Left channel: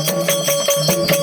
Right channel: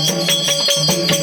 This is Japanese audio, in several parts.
Thank you.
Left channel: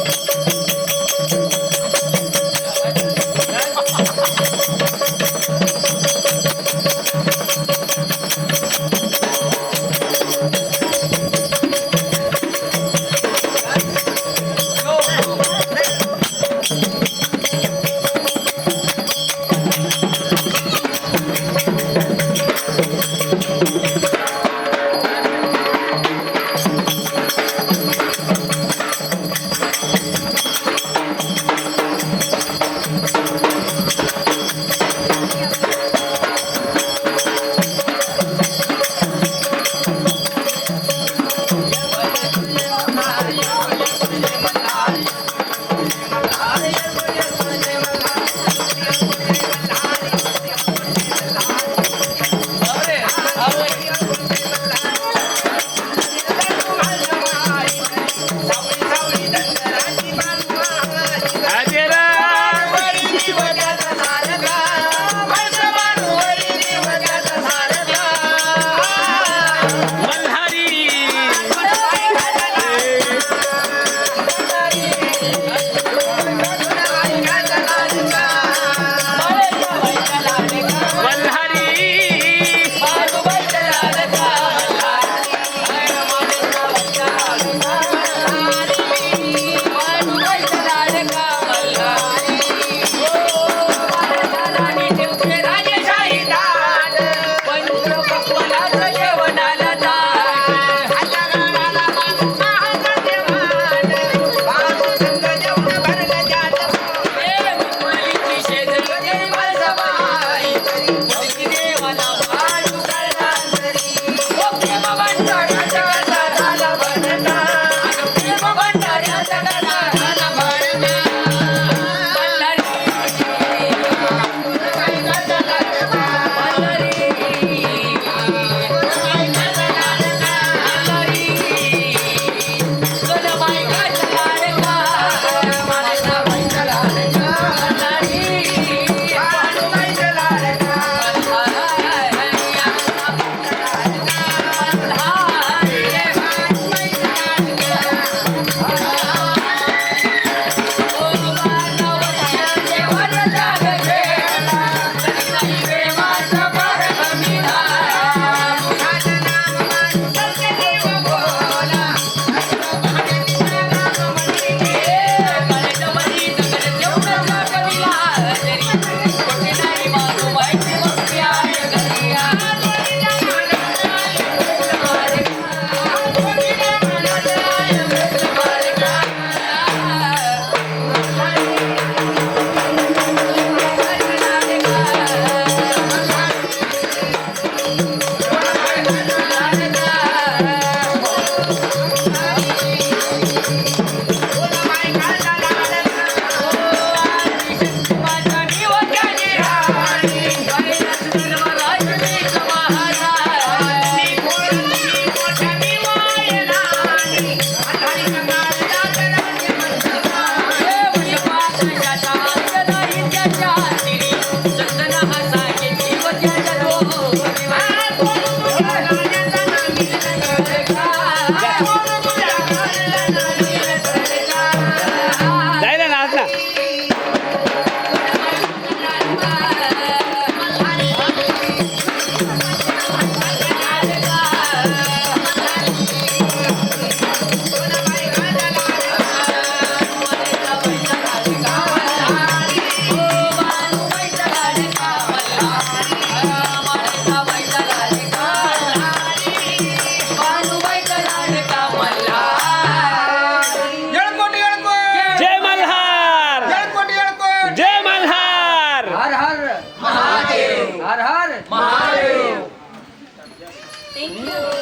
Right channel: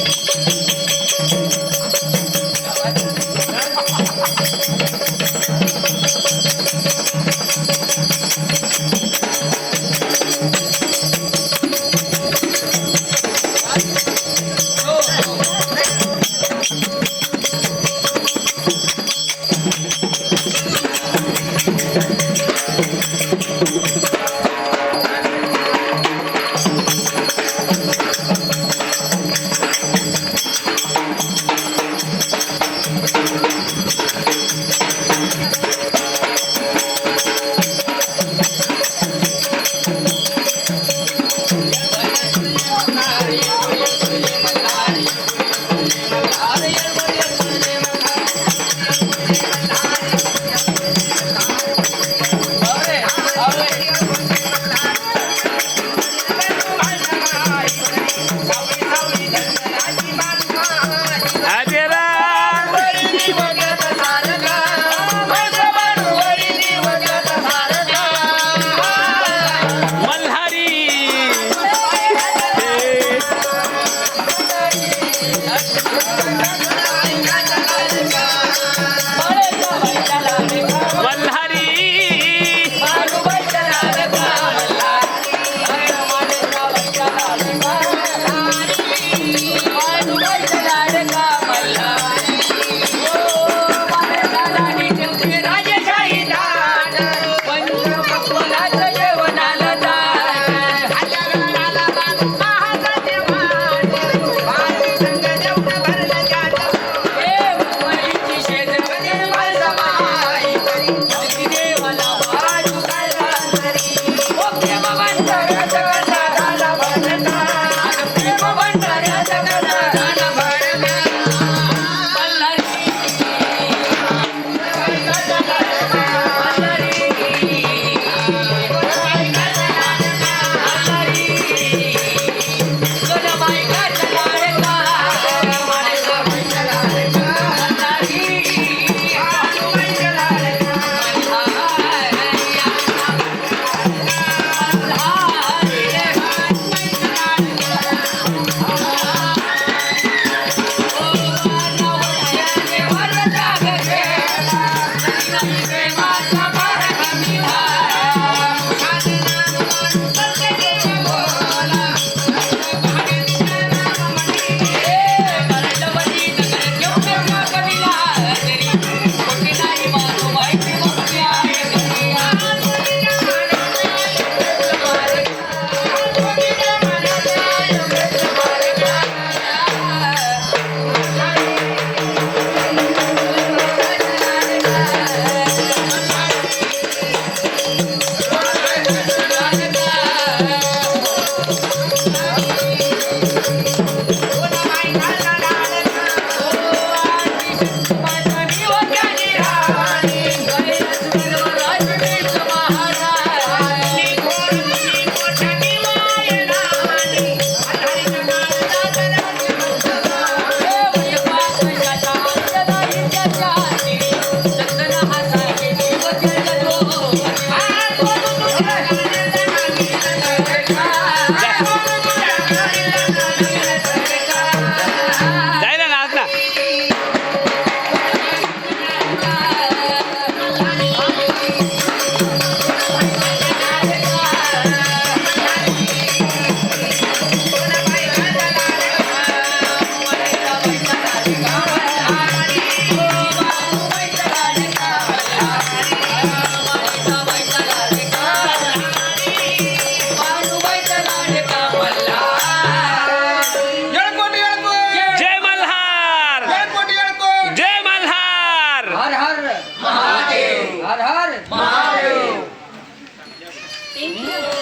Thank mm -hmm. you.